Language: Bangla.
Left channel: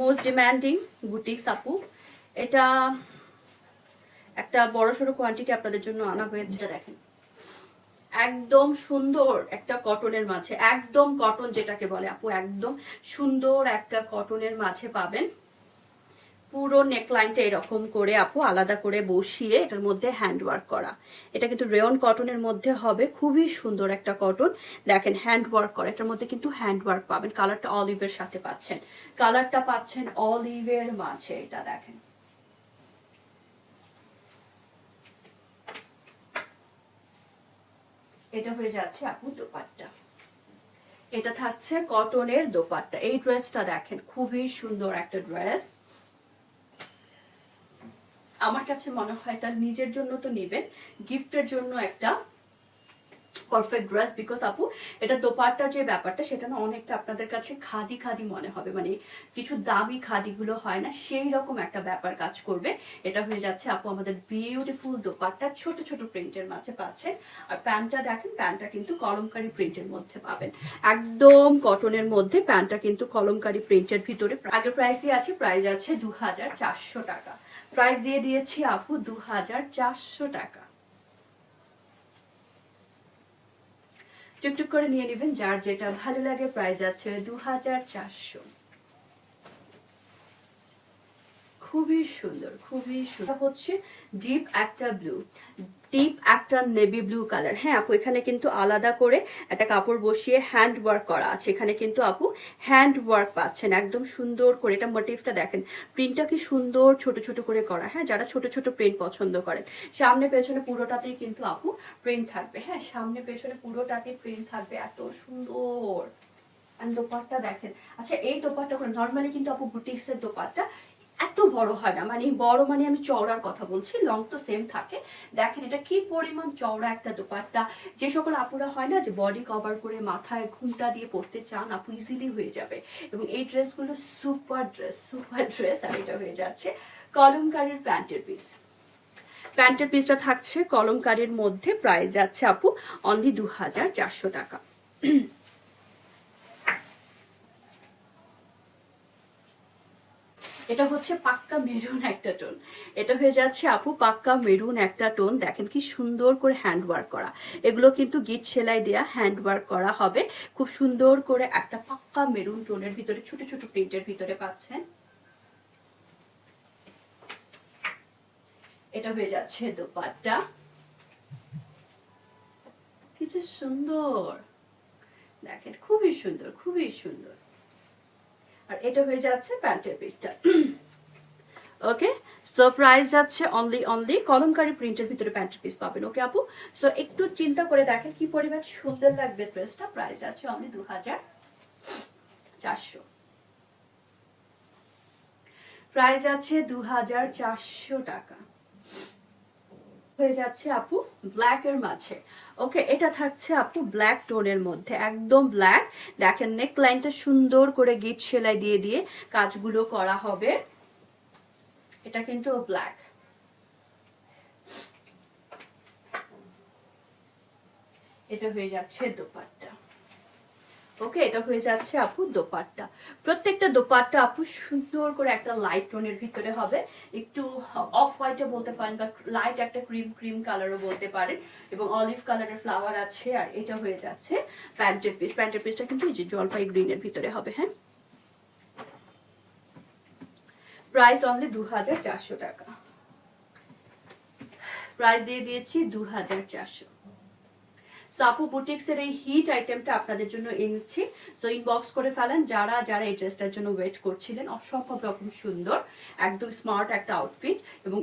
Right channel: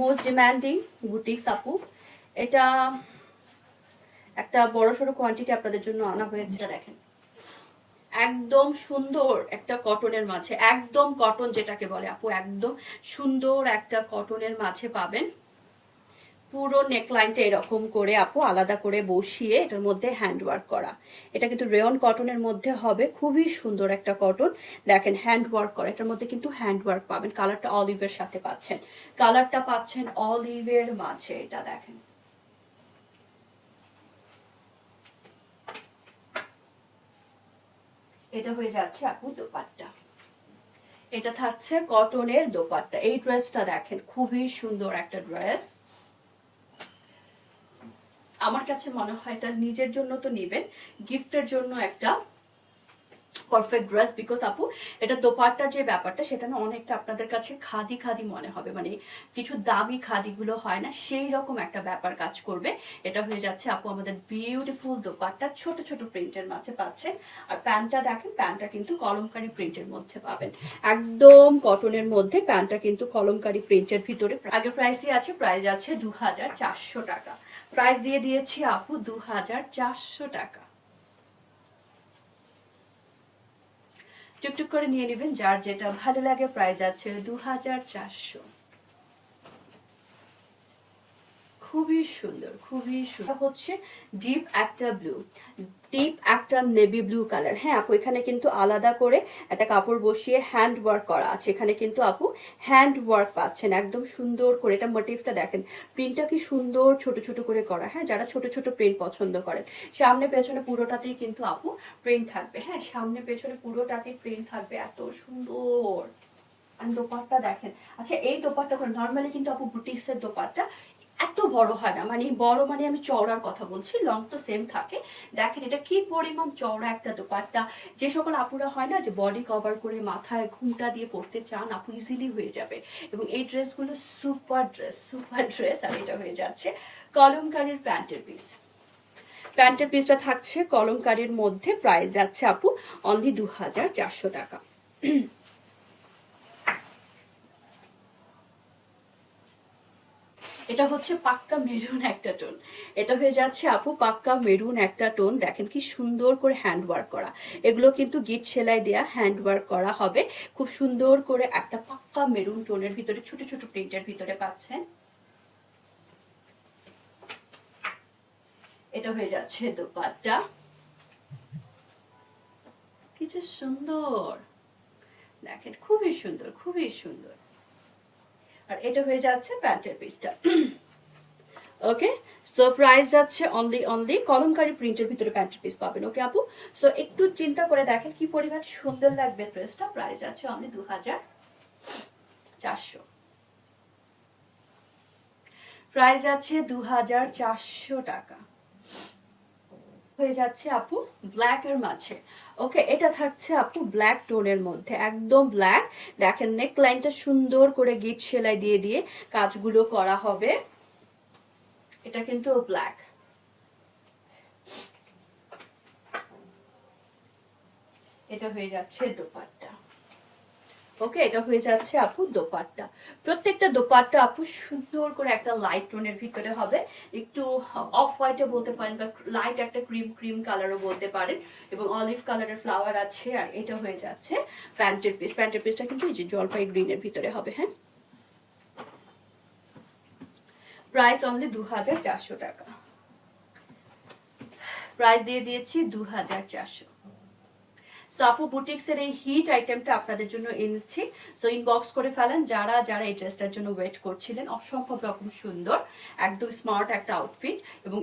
মোস্ট ডিমান্ডিং বুটিক্স আপু, এটা একটা বড়সড় কোয়ান্টিটি আপনাদের জন্য আনা হয়েছে। দেখেন একদম সুন্দর একটা কটনের মাঝে, একদম কটন যেটাকে বলে আপু, একদম সুন্দর একটা কটনের মাঝে পাবেন। পুরো নেকলাইনটা এরকম করে আপু আলাদা করে বসিয়ে এটার মধ্যে হ্যান্ড ওয়ার্ক করা। এটা কিন্তু রেয়ন কটনের মধ্যে হবে, খুবই সুন্দর একটা কটন। দেখেন হ্যান্ড ওয়ার্ক করা, এটার মধ্যে কিন্তু হ্যান্ড ওয়ার্ক পাবেন। কালারটা অলিভের সাথে পাচ্ছেন, কালারটা পাচ্ছেন অলিভের মাঝে। এটা দেখেন এটা হয়ে যাচ্ছে আপু দোপাট্টা, এটা থাকছে কটনের দোপাট্টা। এই ড্রেসটা দেখেন খুবই সুন্দর একটা ড্রেস। আমার কাছে মনে হয় এটা নিজের জন্য তো নেবেন, গিফটের জন্য একটা পারফেক্ট ড্রেস। বিকজ আপু এটা দোপাট্টার যে ব্যাপারটা সেটা না অনেকটা আপনাদের কাছে খাদি খাদি মনে হবে, মানে কিছু দামি খাদিগুলো হয় না সেই রকম একটা ব্যাপার কাজ করবে। এটা হয়ে যাচ্ছে আপু আমাদের বিউটিফুল দোপাট্টা, ছোট ছোট প্রিন্টের মাঝে পাচ্ছেন। আর প্যান্টটা দেখেন, প্যান্টটা কিন্তু কলমকারি প্রিন্টের মধ্যে পাবেন, একদম কটনের মধ্যে। প্যান্টটা কিন্তু কলমকারি প্রিন্টের ভিতরে। আগের প্রাইসই আছে, প্রাইস আছে 2400 টাকা। প্রাইস দিয়ে দিয়েছি আপু 2400 টাকা। টুকটুক করে নিয়ে নেবেন, যার যেটা ভালো লাগে। প্রাইস আছে 2400। খুবই সুন্দর, খুবই সুন্দর। হচ্ছে ডিপ একটা ব্লু, ডিপ একটা নেভি ব্লু কালার। হ্যাঁ আপু, এখানে কিন্তু আলাদা করে একটা কাপড় বসিয়ে হ্যান্ড ওয়ার্ক করা আছে। এখানে কিন্তু আপু হ্যান্ড ওয়ার্ক পাচ্ছেন একদম সুন্দর করে। এটা মোটিভটা দেখেন, প্রিন্টটা কি সুন্দর ছোট ছোট করে করা। হ্যাঁ, যারা ছোট ছোট প্রিন্ট পছন্দ করেন, সামনে পেছনে পুরোটাতেই কিন্তু আপু প্রিন্ট থাকবে। হ্যাঁ, সামনে পেছনে পুরোটাতেই প্রিন্ট থাকবে, এত সুন্দর। দোপাট্টা দেখেন। আচ্ছা, এই দোপাট্টা করে নর্মালি কিন্তু আপু বুটিক্সের দোপাট্টা এত বড় হয় না, মানে বড় মানে আমি চওড়ার কথা বলছি, লং তো সেম থাকে। দেখেন এটা কি পরিমাণ চওড়া একটা দোপাট্টা। যে সকল আপুরা হয় না যে বডি কভার করে মাথায় ঘুমটা দিয়ে পড়তে চান, আপু ইজিলি হয়ে যাবে। এবং এই ড্রেসগুলো সুপার ড্রেস, সুপার ড্রেস। আর এটা হয়ে যাচ্ছে কলমকারীর প্যান্টের পিস। প্যান্টের পিসটা থাকছে কলমকারীর মধ্যে। প্রাইস যাচ্ছে আপু অনলি 2400 টাকা। এটা হচ্ছে পাক্কা মেরুন একটা টোন। এটা হয়ে যাচ্ছে আপু পাক্কা মেরুন একটা টোন। দেখেন কি সুন্দর করে হ্যান্ড ওয়ার্ক করা। এগুলো কিন্তু গিট সেলাই দেয়া হ্যান্ড ওয়ার্ক করা হবে। খুব সুন্দর করে একটা পাক্কা মেরুন টোনের ভিতরে ছোট ছোট প্রিন্টের ভিতরে পাচ্ছেন। এটা হয়ে যাচ্ছে দোপাট্টা, কি যে সুন্দর দেখেন, খুবই সুন্দর, খুবই সুন্দর। আর এটা হয়ে যাচ্ছে প্যান্টের পিসটা। ওকে, সো প্রাইস যাচ্ছে অনলি কলমকারি প্রিন্টের ভিতরে প্যান্টের পিস পাবেন। ওকে আপু, সো একটু চিন্তা করে দেখেন কি পরিমাণ সুন্দর লাগবে ড্রেসটা। প্রাইস আছে অনলি 2400। প্রাইস আছে 2400 টাকা। হয়ে যাচ্ছে আপু ব্ল্যাক এর মাঝে। ওকে, এটা থাকছে আপু ব্ল্যাক টোনের মধ্যে, একদম ব্ল্যাক। দেখেন নেক লাইনটা সুন্দর করে গিট সেলাই দিয়ে দিয়ে কাজগুলো করা হবে। এটা কিন্তু ব্ল্যাক। এটা হয়ে যাচ্ছে দোপাট্টা। ওকে, এটা হয়ে যাচ্ছে আপু দোপাট্টা। প্রত্যেকটা দোপাট্টা আপু সুন্দর করে একটা লাইট টোনের ভিতরে হবে, একটু অফ হোয়াইটে বলতে পারেন, বা লাইট একটা ক্রিম ক্রিম কালারও বলতে পারেন। এবং অলিভ কালারের ফ্লাওয়ার আছে। আর এটা হয়ে যাচ্ছে প্যান্টের পিস। প্যান্টের পিসটা কিন্তু এই যে জলপাই গ্রিনের ভিতরে হবে। হ্যাঁ, প্রাইস অনলি 2400 টাকা। প্রাইস দিয়ে দিয়েছি 2400। সো আপু বুটিক্সের এই হিট আইটেমটা আপনাদের জন্য এনেছি। সো ইনবক্স করে ফেলেন যারা যারা এই ড্রেসটার জন্য ওয়েট করছিলেন। অসম্ভব রকম সুন্দর, একদম স্মার্ট একটা আউটফিট। এবং